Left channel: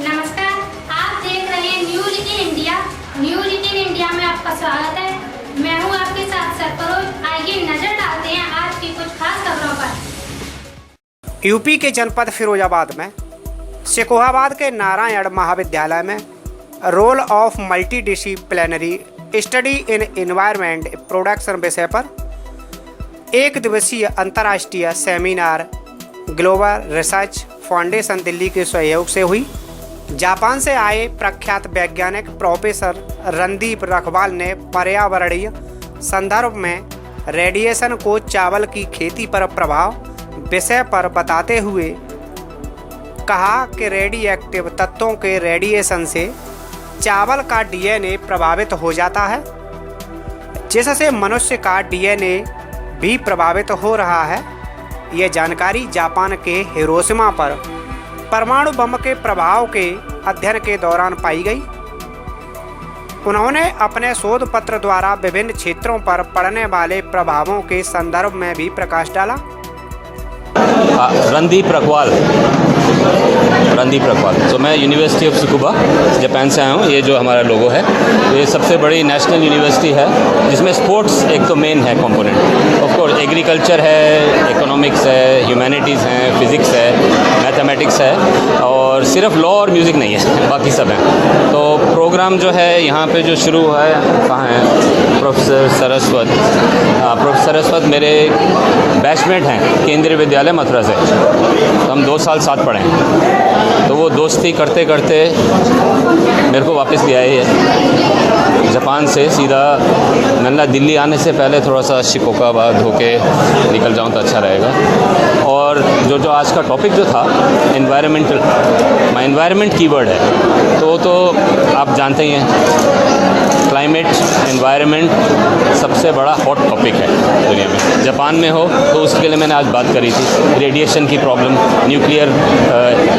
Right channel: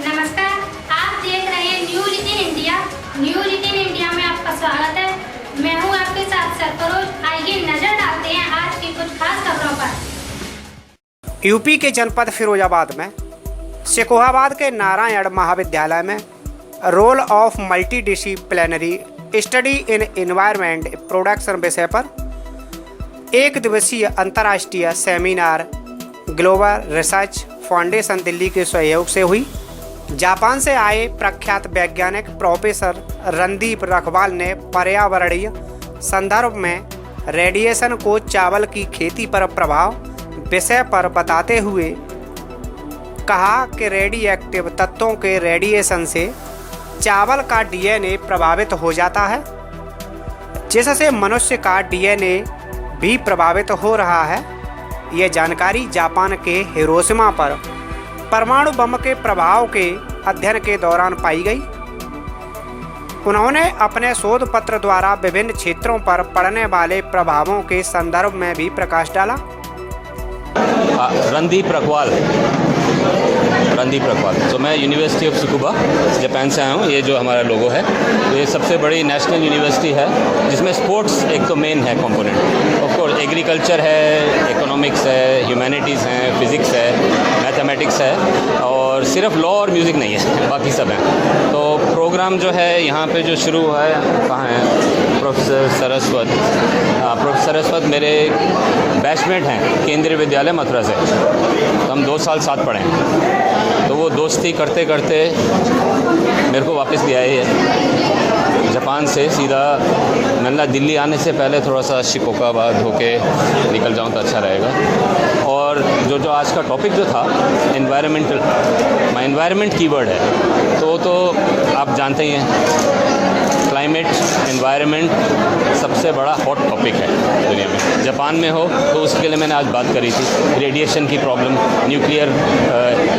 नमस्कार, आप देख रहे हैं news in India. News in India में आपका स्वागत है। मैं हूं आपके साथ सरफरोज। आइए नजर डालते हैं आज की कुछ खास खबरों पर। यूपी के जनपद फिरोजाबाद में शेखोहाबाद के नारायण महाविद्यालय में role of multidisciplinary study in environment production विषय पर एक दिवसीय अंतर्राष्ट्रीय seminar global research foundation Delhi के सहयोग से हुई। जापान से आए प्रख्यात वैज्ञानिक प्रोफेसर रणदीप रखवाल ने पर्यावरणीय संदर्भ में रेडिएशन को चावल की खेती पर प्रभाव विषय पर बताते हुए कहा कि रेडिएक्टिव तत्वों के रेडिएशन से चावल का डीएनए प्रभावित हो जाता है, जिससे मनुष्य का डीएनए भी प्रभावित हो रहा है। ये जानकारी जापान के हिरोशिमा पर परमाणु बम के प्रभाव के अध्ययन के दौरान पाई गई। उन्होंने अपने शोध पत्र द्वारा विभिन्न क्षेत्रों पर पड़ने वाले प्रभावों के संदर्भ में भी प्रकाश डाला। रणदीप रखवाल। तो मैं यूनिवर्सिटी ऑफ सुकुबा जापान से आया हूँ। ये जो हमारा लोगो है, ये सबसे बड़ी नेशनल यूनिवर्सिटी है जिसमें स्पोर्ट्स एक तो मेन है कंपोनेंट। ऑफ कोर्स एग्रीकल्चर है, इकोनॉमिक्स है, ह्यूमैनिटीज़ हैं, फिज़िक्स है, मैथमेटिक्स है, और सिर्फ लॉ और म्यूज़िक नहीं है, बाकी सब हैं। तो प्रोग्राम जो है यहाँ पे जो शुरू हुआ है, कहाँ है प्रोफेसर सरस्वत मेरे बैचमेट हैं केंद्रीय विद्यालय मथुरा से। तो हम 2 साल साथ पढ़े हैं। तो वो दोस्ती करते करते मेरे को वापस ले आए है जापान से सीधा। मैंने दिल्ली आने से पहले थोड़ा सा शिकोहाबाद होके निकल जाऊँ तो अच्छा रहेगा। और जो आज का टॉपिक जो था एनवायरमेंटल, एनवायरमेंट कीवर्ड है, तो आप जानते ही हैं क्लाइमेट एनवायरनमेंट सबसे बड़ा हॉट टॉपिक है दुनिया में। जापान में हो तो उसके लिए मैंने आज बात करी थी, रेडिएशन की प्रॉब्लम, न्यूक्लियर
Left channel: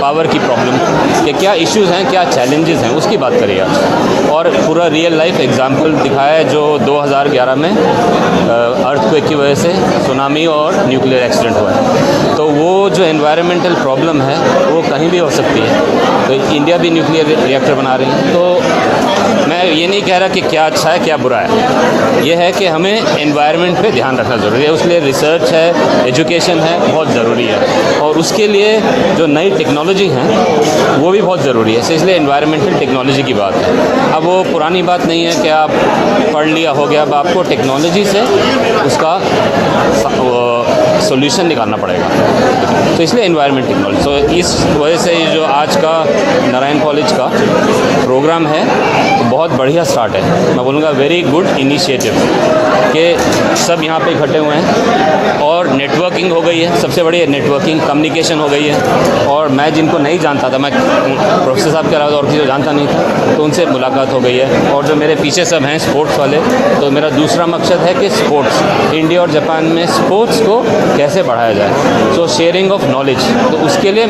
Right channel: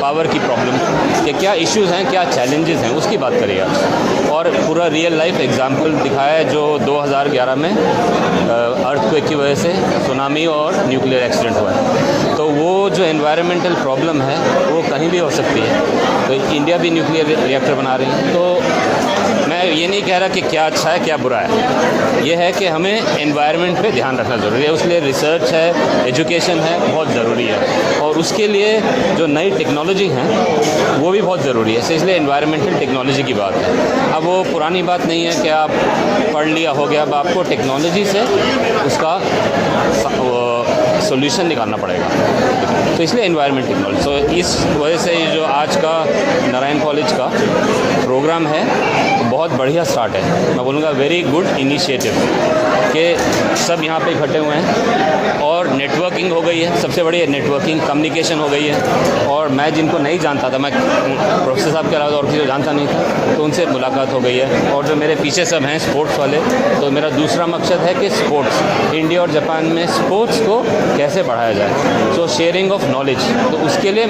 पावर की प्रॉब्लम, कि क्या इश्यूज़ हैं, क्या चैलेंजेस हैं, उसकी बात करी आज। और पूरा रियल लाइफ एग्जांपल दिखाया है जो 2011 में अर्थक्वेक की वजह से सुनामी और न्यूक्लियर एक्सीडेंट हुआ है। तो वो जो एनवायरमेंटल प्रॉब्लम है वो कहीं भी हो सकती है। तो इंडिया भी न्यूक्लियर रिएक्टर बना रही है। तो मैं ये नहीं कह रहा कि क्या अच्छा है क्या बुरा है, ये है कि हमें एनवायरनमेंट पे ध्यान रखना ज़रूरी है। उसके लिए रिसर्च है, एजुकेशन है, बहुत ज़रूरी है। और उसके लिए जो नई टेक्नोलॉजी हैं वो भी बहुत ज़रूरी है। इसलिए एनवायरमेंटल टेक्नोलॉजी की बात है। अब वो पुरानी बात नहीं है कि आप पढ़ लिया हो गया। अब आपको टेक्नोलॉजी से उसका सॉल्यूशन निकालना पड़ेगा। तो इसलिए एनवायरनमेंट टेक्नोलॉजी। तो इस वजह से ये जो आज का नारायण कॉलेज का प्रोग्राम है तो बहुत बढ़िया स्टार्ट है। मैं बोलूँगा वेरी गुड इनिशिएटिव कि सब यहाँ पे इकट्ठे हुए हैं और नेटवर्किंग हो गई है। सबसे बड़ी नेटवर्किंग, कम्युनिकेशन हो गई है। और मैं जिनको नहीं जानता था, मैं प्रोफेसर साहब के अलावा और किसी को जानता नहीं था, तो उनसे मुलाकात हो गई है। और जो मेरे पीछे सब हैं स्पोर्ट्स वाले, तो मेरा दूसरा मकसद है कि स्पोर्ट्स, इंडिया और जापान में स्पोर्ट्स को कैसे बढ़ाया जाए। तो शेयरिंग ऑफ नॉलेज, तो उसके लिए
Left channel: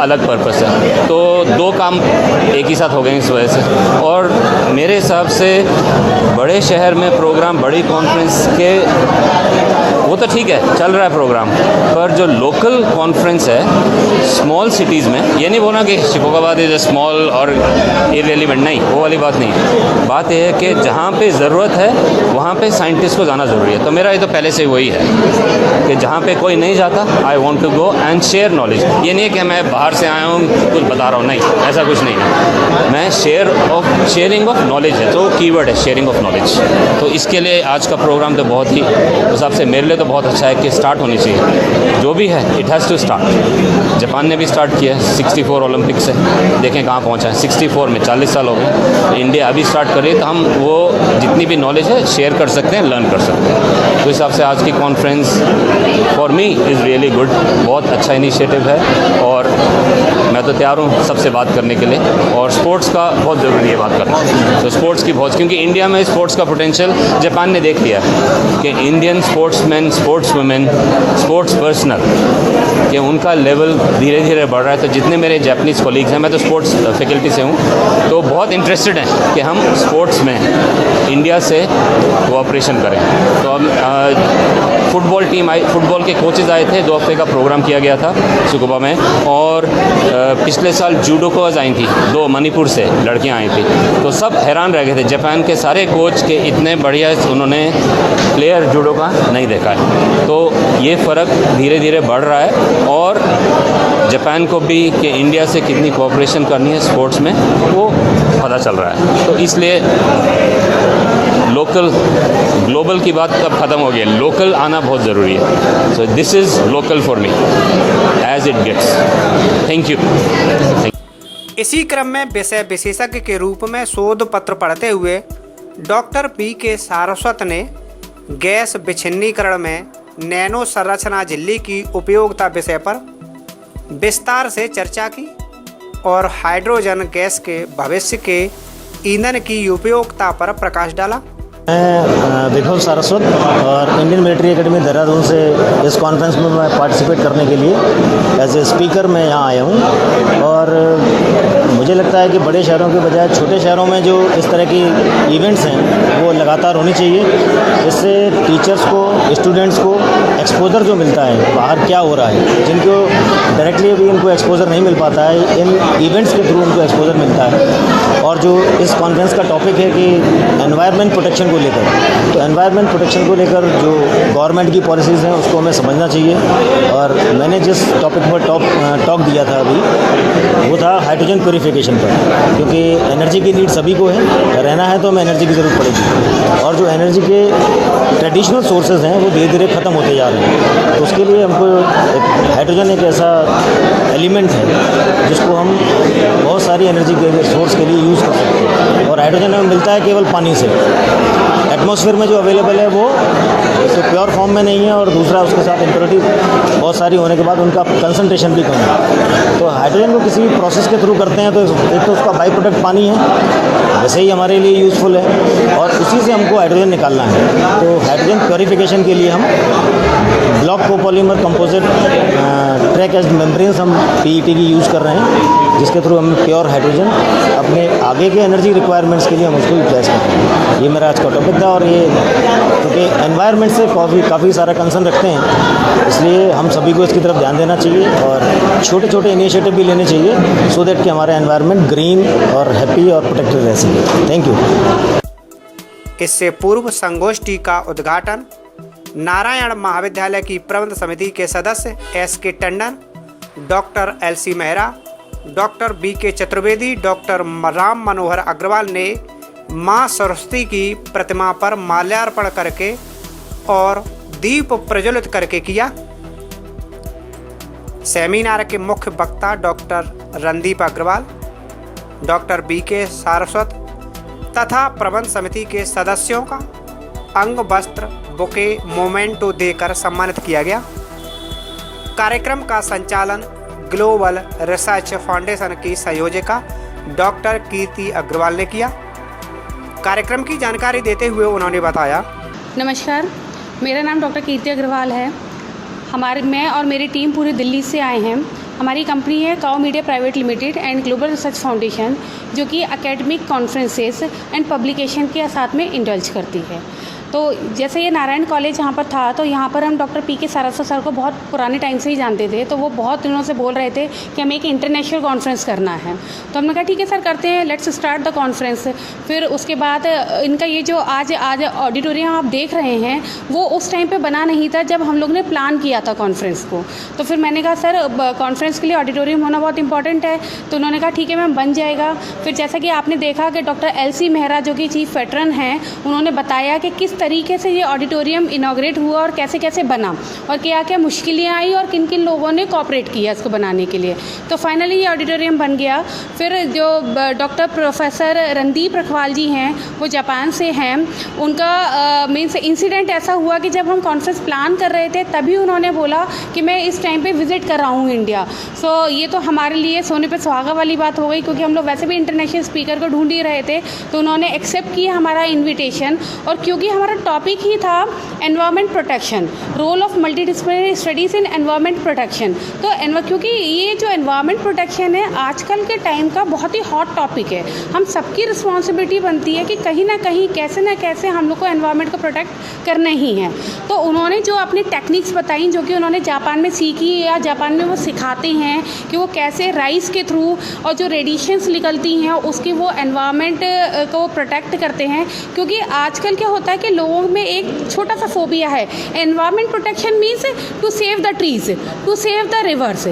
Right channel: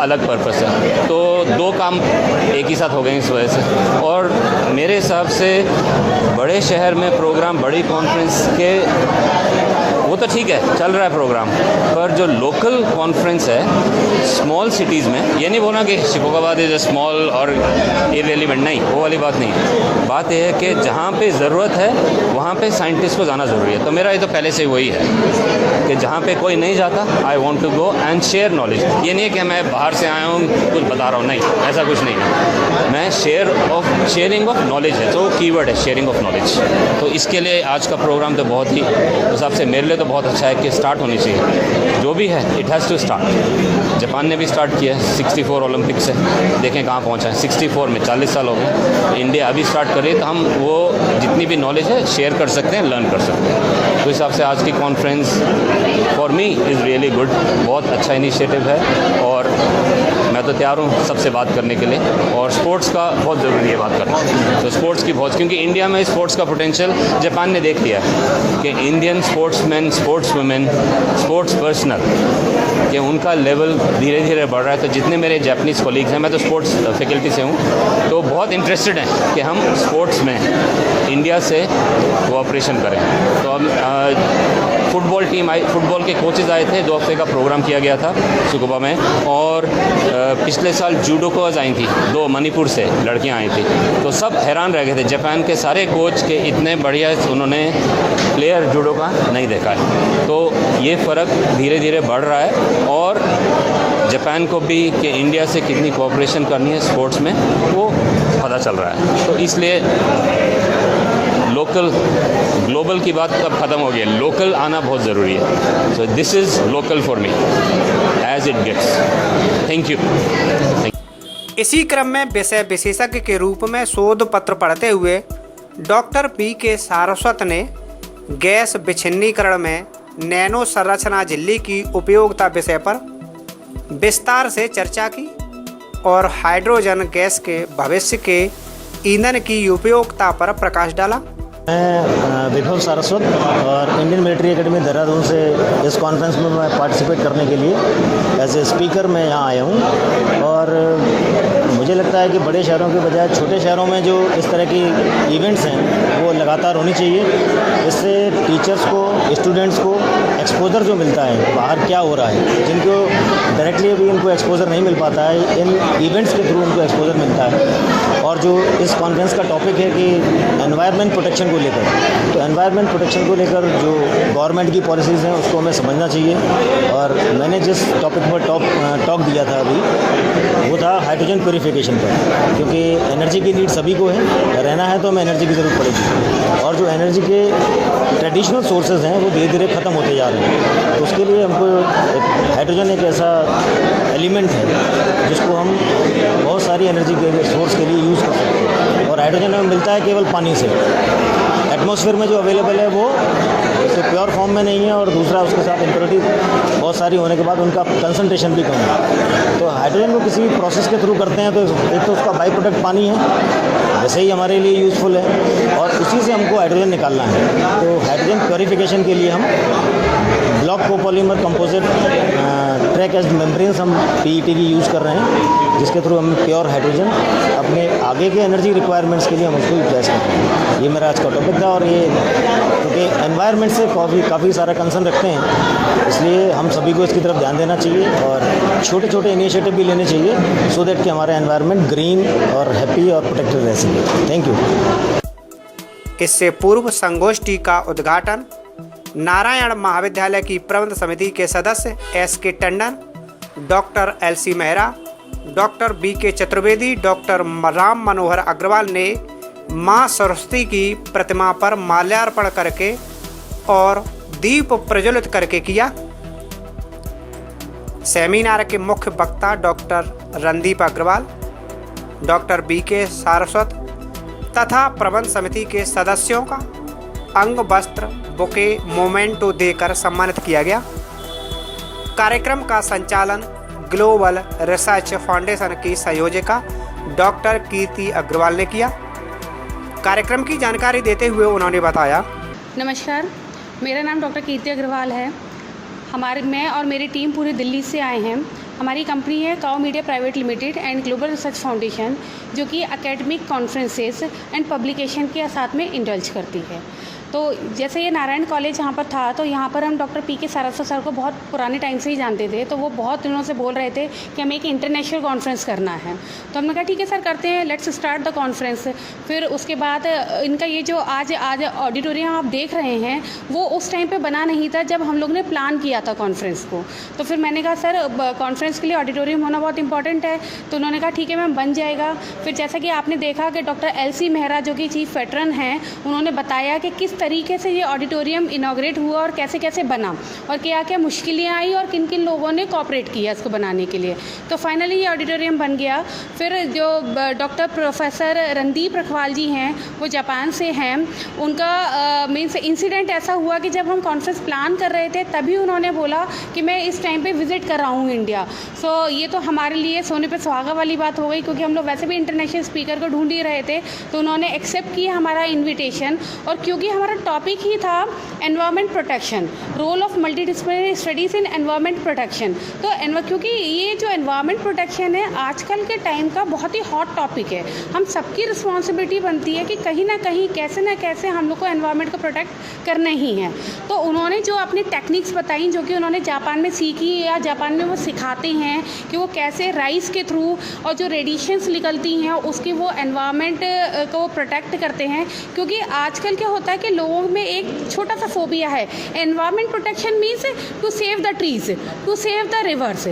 अलग पर्पस है। तो 2 काम एक ही साथ हो गए इस वजह से। और मेरे हिसाब से बड़े शहर में प्रोग्राम, बड़ी कॉन्फ्रेंस के, वो तो ठीक है चल रहा है प्रोग्राम, पर जो लोकल कॉन्फ्रेंस है स्मॉल सिटीज़ में, ये नहीं बोलना कि शिकोहाबाद इज़ ए स्मॉल और इररिलेवेंट, नहीं, वो वाली बात नहीं है। बात यह है कि जहाँ पे ज़रूरत है वहाँ पे साइंटिस्ट को जाना ज़रूरी है। तो मेरा ये तो पहले से वही है कि जहाँ पे कोई नहीं जाता, I want to go and share knowledge. ये नहीं है कि मैं बाहर से आया हूँ कुछ बता रहा हूँ, नहीं, ऐसा कुछ नहीं है। मैं शेयरिंग ऑफ नॉलेज है, तो कीवर्ड है शेयरिंग ऑफ नॉलेज। तो इसके लिए आज का प्रोग्राम तो बहुत ही उस हिसाब से मेरे लिए तो बहुत अच्छा है कि स्टार्ट होनी चाहिए। जो भी है it has to start. Japan ने भी स्टार्ट किया 64 ओलंपिक से, देखें कहाँ पहुँचा है। 64 में 40 साल हो गए। इंडिया अभी स्टार्ट कर रही है, तो हम वो जितनी भी नॉलेज है शेयर कर सकते हैं, लर्न कर सकते हैं। तो इस हिसाब से आज की conference for me is really good. बहुत अच्छा इनिशिएटिव है और मैं तो तैयार हूँ सबसे बात करने के लिए। और स्पोर्ट्स का बहुत ज़रूरी है बात करना। तो स्पोर्ट्स की बहुत, क्योंकि इंडिया में स्पोर्ट्स का पोटेंशियल जापान ने देख लिया कि Indian sportsman, sports women, sports personal, कि उनका लेवल धीरे धीरे बढ़ रहा है। तो जितने मेरे जापानीज़ कोलीग्स हैं, मैं तो स्पोर्ट्स फैकल्टी से हूँ, तो बहुत इंटरेस्टेड हैं कि हम स्पोर्ट्स में इंडिया से कोऑपरेशन करें। तो फुटबॉल टीम आई, फुटबॉल के कोचेज़ आए थे। 2 हफ्ते का प्रोग्राम किया गया था सुकुबा में। और पिछले साल जूडोकोज आई थी, 2 मणिपुर से लड़कियां आई थी। तो सब हैरान रह गए थे, जापान के सारे कोच के इतने बढ़िया उन्होंने प्लेयर जूडो का नहीं देखा है। तो ये फ़र्क धीरे धीरे बढ़ रहा है और जापान को भी कि इंडिया से कितनी कोऑपरेशन करनी है स्पोर्ट्स में वो पता चल रहा है। तो इसलिए लोकल ग्लोबल की बात अब ख़त्म हो गई, लोकल आना बहुत ज़रूरी है। So this is local for me as it gets. Thank you. इसी क्रम में विषय विशेषज्ञ के रूप में शोध पत्र पढ़ते हुए डॉक्टर BK सारस्वत ने गैस विच्छिन्नीकरण में नैनो संरचना झिल्ली की उपयोगिता विषय पर विस्तार से चर्चा की और हाइड्रोजन गैस के भविष्य के ईंधन की उपयोगिता पर प्रकाश डाला। मैं विभव सारस्वत और इंडियन मिलिट्री एकेडमी देहरादून से इस कॉन्फ्रेंस में मैं पार्टिसिपेट करने के लिए एज ए स्पीकर मैं यहाँ आया हूँ। और मुझे लगता है कि बड़े शहरों के बजाय छोटे शहरों में जो इस तरह की इवेंट्स हैं वो लगातार होनी चाहिए। इससे टीचर्स को, स्टूडेंट्स को एक्सपोजर जो मिलता है बाहर क्या हो रहा है, जिनको डायरेक्टली अभी इनको एक्सपोजर नहीं मिल पाता है, इन इवेंट्स के थ्रू उनको एक्सपोजर मिलता है। और जो इस कॉन्फ्रेंस का टॉपिक है कि एनवायरनमेंट प्रोटेक्शन को लेकर, तो एनवायरनमेंट प्रोटेक्शन को लेकर जो गवर्नमेंट की पॉलिसीज़ हैं उसको हमें समझना चाहिए। और मैंने जिस टॉपिक पर टॉक दिया था अभी वो था हाइड्रोजन प्योरीफिकेशन पर, क्योंकि एनर्जी की नीड सभी को है, रहना है तो हमें एनर्जी की ज़रूरत पड़ेगी। और जो एनर्जी के ट्रेडिशनल सोर्सेज हैं वो धीरे धीरे ख़त्म होते जा रहे हैं। तो उसके लिए हमको हाइड्रोजन एक ऐसा एलिमेंट है जिसको हम बहुत सारी एनर्जी के सोर्स के लिए यूज़ कर सकते हैं। और हाइड्रोजन हमें मिलता है केवल पानी से, एटमॉस्फेयर में जो अवेलेबल है वो तो प्योर फॉर्म में नहीं है, और दूसरा उसके साथ इम्प्योरिटी बहुत सारी होने के बाद उनका कंसंट्रेशन भी कम है। तो हाइड्रोजन को किसी प्रोसेस के थ्रू करते हैं तो एक तो उसका बाई प्रोडक्ट पानी है, वैसे ही हमारे लिए यूज़फुल है, और उसी से हमको हाइड्रोजन निकालना है। तो हाइड्रोजन प्योरीफिकेशन के लिए हम block copolymer composite track etched membranes हम PET की यूज़ कर रहे हैं, जिसके थ्रू हम प्योर हाइड्रोजन अपने आगे के एनर्जी रिक्वायरमेंट्स के लिए हम उसको यूटिलाइज कर रहे हैं। ये मेरा आज का टॉपिक था। और ये क्योंकि एनवायरनमेंट से काफ़ी सारा कंसर्न रखते हैं, इसलिए हम सभी को इसकी तरफ ध्यान देना चाहिए और छोटे छोटे इनिशिएटिव भी लेने चाहिए सो दैट कि हमारा एनवायरनमेंट ग्रीन और हैप्पी और प्रोटेक्टेड रह सके। Thank you. इससे पूर्व संगोष्ठी का उद्घाटन नारायण महाविद्यालय की प्रबंध समिति के सदस्य SK Tandon, doctor LC Mehra, doctor BK Chaturvedi, doctor Ram Manohar Agrawal ने मां सरस्वती की प्रतिमा पर माल्यार्पण करके और दीप प्रज्वलित करके किया। सेमिनार के मुख्य वक्ता doctor Randeep Agarwal, doctor BK Saraswat तथा प्रबंध समिति के सदस्यों का अंग वस्त्र बुके मोमेंटो देकर सम्मानित किया गया। कार्यक्रम का संचालन ग्लोबल रिसर्च फाउंडेशन की संयोजिका डॉक्टर कीर्ति अग्रवाल ने किया। कार्यक्रम की जानकारी देते हुए उन्होंने बताया, नमस्कार, मेरा नाम डॉक्टर कीर्ति अग्रवाल है। मैं और मेरी टीम पूरी दिल्ली से आए हैं। हमारी कंपनी है Kao media private limited and global research foundation, जो कि एकेडमिक कॉन्फ्रेंसेस एंड पब्लिकेशन के साथ में इंडल्ज करती है। तो जैसे ये नारायण कॉलेज यहाँ पर था, तो यहाँ पर हम डॉक्टर PK सारस्वत सर को बहुत पुराने टाइम से ही जानते थे। तो वो बहुत दिनों से बोल रहे थे कि हमें एक इंटरनेशनल कॉन्फ्रेंस करना है। तो हमने कहा ठीक है सर, करते हैं, लेट्स स्टार्ट द कॉन्फ्रेंस। फिर उसके बाद इनका ये जो आज ऑडिटोरियम आप देख रहे हैं वो उस टाइम पे बना नहीं था जब हम लोग ने प्लान किया था कॉन्फ्रेंस को। तो फिर मैंने कहा सर कॉन्फ्रेंस के लिए ऑडिटोरियम होना बहुत इंपॉर्टेंट है। तो उन्होंने कहा ठीक है मैम, बन जाएगा। फिर जैसा कि आपने देखा कि डॉक्टर LC मेहरा जो कि चीफ वेटरन हैं, उन्होंने बताया कि किस तरीके से ये ऑडिटोरियम इनॉग्रेट हुआ और कैसे कैसे बना और क्या क्या मुश्किलें आई और किन किन लोगों ने कोऑपरेट किया इसको बनाने के लिए। तो फाइनली ये ऑडिटोरियम बन गया। फिर जो डॉक्टर प्रोफेसर रणदीप अग्रवाल जी हैं, वो जापान से हैं। उनका मीन्स इंसिडेंट ऐसा हुआ कि जब हम कॉन्फ्रेंस प्लान कर रहे थे तभी उन्होंने बोला कि मैं इस टाइम पे विज़िट कर रहा हूँ इंडिया। सो ये तो हमारे लिए सोने पे सुहागा वाली बात हो गई, क्योंकि हम लोग वैसे भी इंटरनेशनल स्पीकर को ढूंढ ही रहे थे। तो उन्होंने एक्सेप्ट किया हमारा इन्विटेशन, और क्योंकि हमारा हमारा टॉपिक ही था environment protection, role of multidisciplinary studies in environment protection. तो क्योंकि ये जो एनवायरनमेंट प्रोटेक्शन है आजकल के टाइम का बहुत ही हॉट टॉपिक है। हम सबकी रिस्पॉन्सिबिलिटी बनती है कि कहीं ना कहीं कैसे ना कैसे हम लोग को एनवायरनमेंट को प्रोटेक्ट करना ही है। तो उन्होंने जो अपनी टेक्निक्स बताई जो कि उन्होंने जापान में सीखी या जापान में वो सिखाते हैं कि वो कैसे राइस के थ्रू और जो रेडिएशंस निकलती हैं उसकी वो एनवायरनमेंट को प्रोटेक्ट करते हैं। क्योंकि आजकल क्या होता है कि लोगों में एक छोटा सा फोबिया है, environment protection means to save the trees, to save the rivers.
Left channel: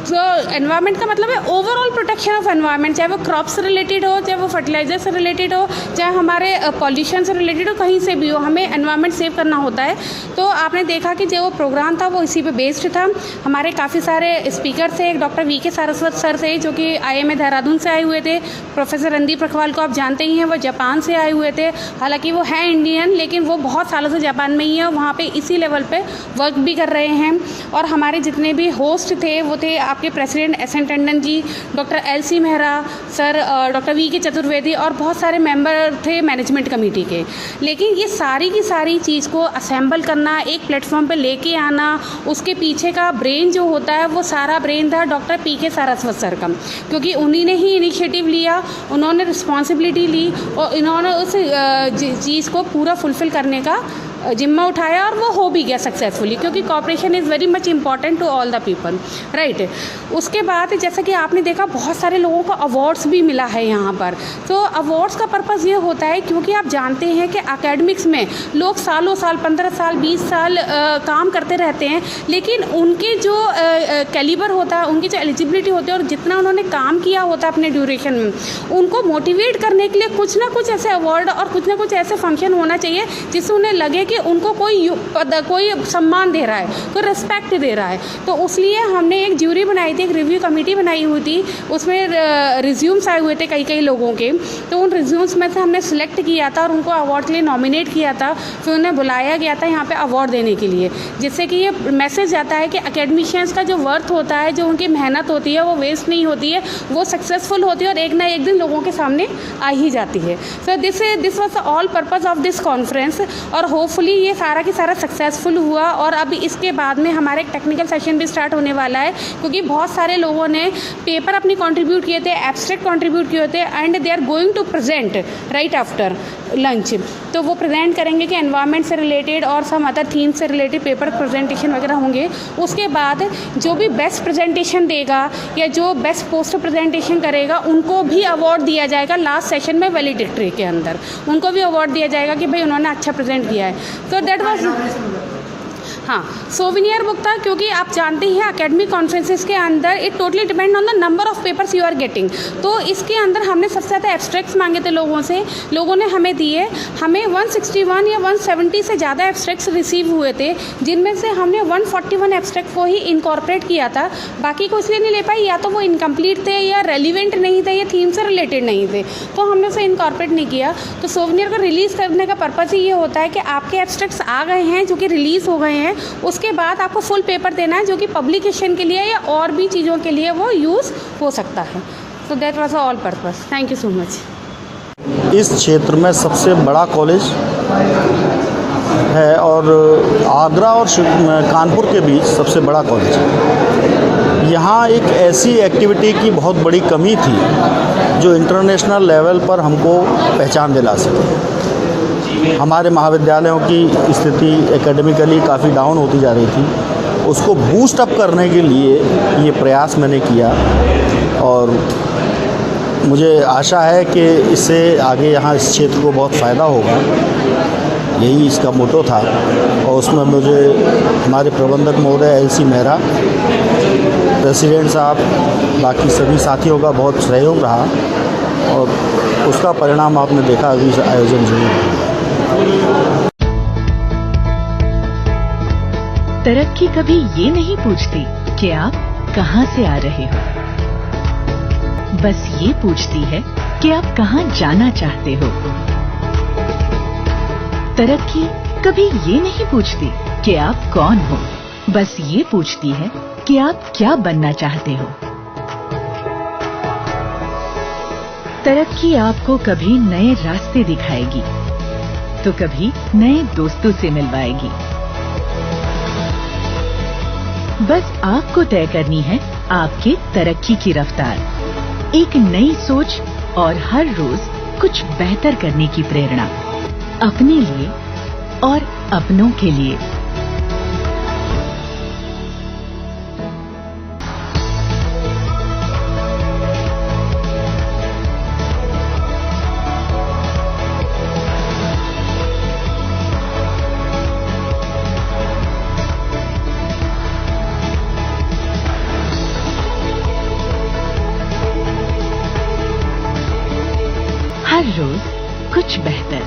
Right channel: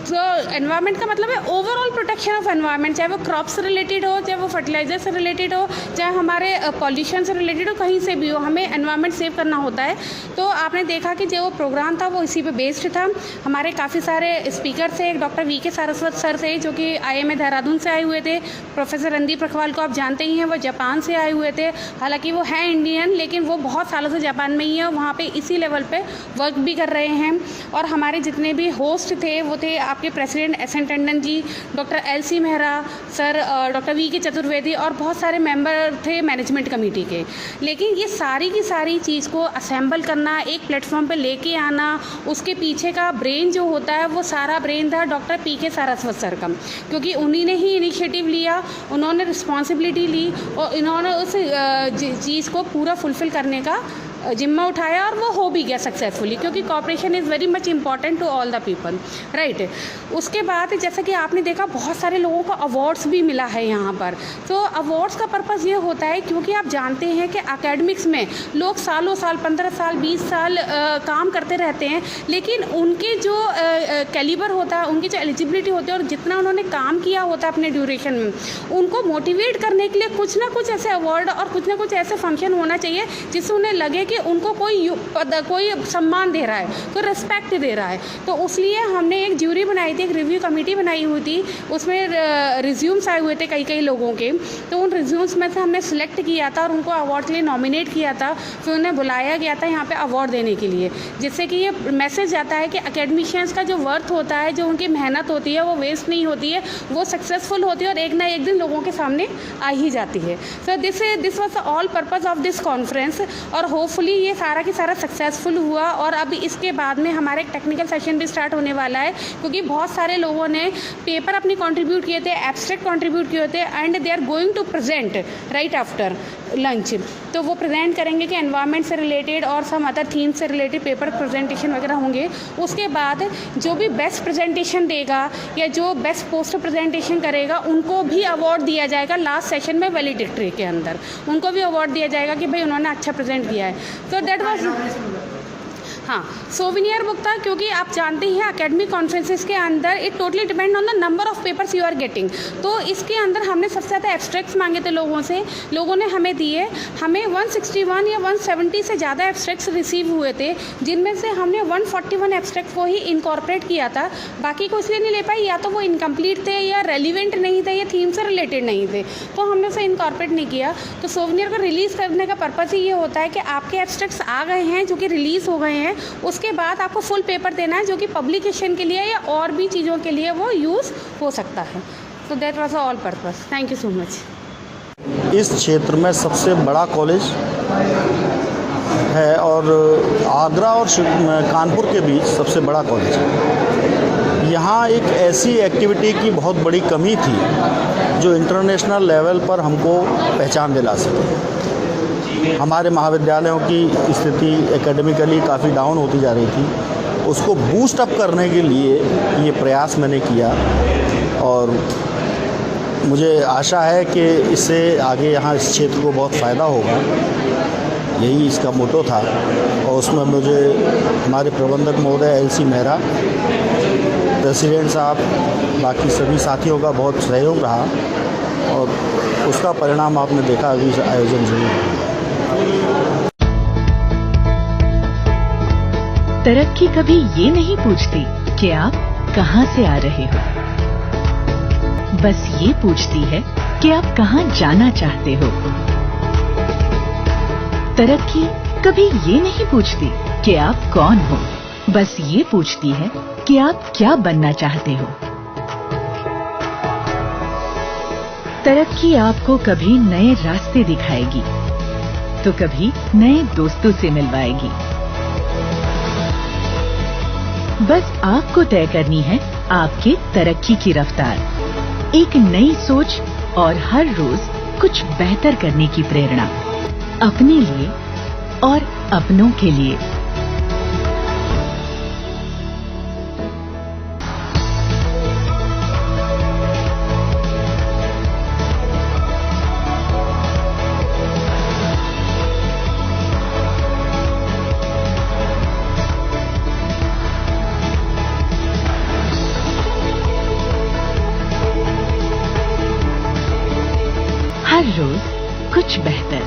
तो एनवायरनमेंट का मतलब है ओवरऑल प्रोटेक्शन ऑफ एनवायरनमेंट, चाहे वो क्रॉप से रिलेटेड हो, चाहे वो फर्टिलाइजर से रिलेटेड हो, चाहे हमारे पॉल्यूशन से रिलेटेड हो, कहीं से भी हो, हमें एनवायरनमेंट सेव करना होता है। तो आपने देखा कि जो प्रोग्राम था वो इसी पे बेस्ड था। हमारे काफ़ी सारे स्पीकर थे, एक डॉक्टर वीके सारस्वत सर थे जो कि IIM देहरादून से आए हुए थे। प्रोफेसर रणदीप रखवाल को आप जानते ही हैं, वो जापान से आए हुए थे। हालांकि वो हैं इंडियन लेकिन वो बहुत सालों से जापान में ही है, वहाँ पे इसी लेवल पे वर्क भी कर रहे हैं। और हमारे जितने भी होस्ट थे वो थे आपके president SN Tandon ji, doctor LC Mehra sir, doctor VK Chaturvedi और बहुत सारे मेंबर थे मैनेजमेंट कमेटी के। लेकिन ये सारी की सारी चीज़ को असेंबल करना, एक प्लेटफॉर्म पे लेके आना, उसके पीछे का ब्रेन जो होता है वो सारा ब्रेन था डॉक्टर PK सारस्वत सर का। क्योंकि उन्हीं ने ही इनिशिएटिव लिया, उन्होंने रिस्पॉन्सिबिलिटी ली और इन्होंने उस चीज़ को पूरा फुलफ़िल करने का जिम्मा उठाया और वो हो भी गया सक्सेसफुली। क्योंकि cooperation is very much important to all the people, right. उसके बाद जैसा कि आपने देखा बहुत सारे लोगों को अवार्ड्स भी मिला है यहाँ पर। तो अवार्ड्स का पर्पज़ ये होता है क्योंकि आप जानते हैं कि एकेडमिक्स में लोग सालों साल 15 साल 20 साल काम करते रहते हैं, लेकिन उनके जो कैलिबर होता है, उनकी जो एलिजिबिलिटी होती है और जितना उन्होंने काम किया होता है अपने ड्यूरेशन में, उनको मोटिवेट करने के लिए कुछ ना कुछ ऐसे अवार्ड और कुछ ना कुछ ऐसे फंक्शन होना चाहिए जिससे उन्हें लगे कि उनको कोई सम्मान दे रहा है, कोई रिस्पेक्ट दे रहा है। तो उसलिए हमने एक ज्यूरी बनाई थी, एक रिव्यू कमेटी बनाई हुई थी, उसमें रिज्यूम्स आए हुए थे कई लोगों के। तो उन रिज्यूम्स में से हमने सिलेक्ट किया था और उनको अवार्ड के लिए नॉमिनेट किया था। फिर उन्हें बुलाया गया था यहाँ पे अवार्ड देने के लिए, जिससे कि ये मैसेज जाता है कि एकेडमिशियंस का जो वर्थ होता है, जो उनकी मेहनत होती है वो वेस्ट नहीं होती है, वो सक्सेसफुल होती है और एक ना एक दिन लोगों के सामने आ ही जाती है। So this was all purpose of this conference. और होपफुली ये सारा की सारा सक्सेसफुल हुआ। और अभी इसके बाद में हमारा एक टेक्निकल सेशन भी स्टार्ट होने वाला है, क्योंकि बहुत सारे लोगों ने पेपर अपनी कंट्रीब्यूट किए थे, एब्स्ट्रैक्ट कंट्रीब्यूट किए थे, and they are going to present right after lunch. तो वो प्रेजेंट करेंगे कि एनवायरनमेंट से रिलेटेड और सम अदर थीम से रिलेटेड पेपर प्रेजेंटेशन वगैरह होंगे। उसके बाद जो भी बेस्ट प्रेजेंटेशन देगा या जो बेस्ट पोस्टर प्रेजेंटेशन करेगा उनको भी अवार्ड दिया जाएगा। लास्ट सेशन में वैलिडिक्टरी के अंदर उनको भी अवार्ड दिया जाएगा कि भाई उन्होंने अच्छा प्रेजेंट किया है। तो दैट वाज हाँ, सोविनियर बुक था, क्योंकि आप जानते हैं एकेडमिक कॉन्फ्रेंसेस के अंदर it totally depend on the number of papers you are getting. तो इसके अंदर हमने सबसे ज़्यादा एब्स्ट्रैक्ट्स मांगे थे लोगों से, लोगों ने हमें दिए। हमें 161 या 170 से ज़्यादा एब्स्ट्रैक्ट्स रिसीव हुए थे, जिनमें से हमने 141 एब्स्ट्रैक्ट को ही इनकॉर्पोरेट किया था। बाकी को इसलिए नहीं ले पाई, या तो वो इनकम्प्लीट थे या रेलिवेंट नहीं थे या थीम से रिलेटेड नहीं थे, तो हमने उसे इनकॉर्पोरेट नहीं किया। तो सोविनियर को रिलीज़ करने का पर्पज़ ही ये होता है कि आपके एब्स्ट्रैक्ट्स आ गए हैं जो कि रिलीज़ हो गए हैं, उसके बाद आपको फुल पेपर देना है जो कि पब्लिकेशन के लिए या और भी चीज़ों के लिए वो यूज़ हो सकता है। So that was all purpose. Thank you so much. इस क्षेत्र में सबसे बड़ा कॉलेज है और आगरा और कानपुर के बीच सबसे बड़ा कॉलेज है। यहाँ एक ऐसी एक्टिविटी की बहुत बड़ी कमी थी जो इंटरनेशनल लेवल पर हमको पहचान दिला सके। हमारे महाविद्यालयों की स्थिति एकेडमिकली काफ़ी डाउन होती जा रही थी, उसको बूस्ट अप करने के लिए ये प्रयास मैंने किया और मुझे आशा है कि इससे आगे यहाँ इस क्षेत्र को बहुत फ़ायदा होगा। यही इसका मोटो था और उसमें मुझे हमारे प्रबंधक महोदय LC मेहरा, प्रेसिडेंट साहब, बाकी सभी साथियों का बहुत सहयोग रहा और उसका परिणाम आपने देखा अभी आयोजन जो। तरक्की कभी ये नहीं पूछती कि आप कहां से आ रहे हो, बस ये पूछती है कि आप कहां जाना चाहते हो। तरक्की कभी ये नहीं पूछती कि आप कौन हो, बस ये पूछती है कि आप क्या बनना चाहते हो। तरक्की आपको कभी नए रास्ते दिखाएगी, तो कभी नए दोस्तों से मिलवाएगी। बस आपको तय करनी है आपके तरक्की की रफ्तार, एक नई सोच और हर रोज कुछ बेहतर करने की प्रेरणा, अपने लिए और अपनों के लिए। हर रोज कुछ बेहतर।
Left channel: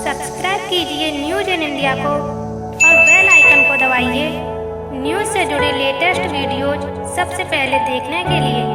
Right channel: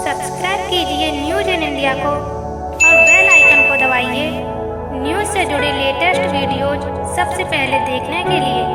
सब्सक्राइब कीजिए न्यूज इन इंडिया को और बेल आइकन को दबाइए न्यूज से जुड़े लेटेस्ट वीडियोज सबसे पहले देखने के लिए।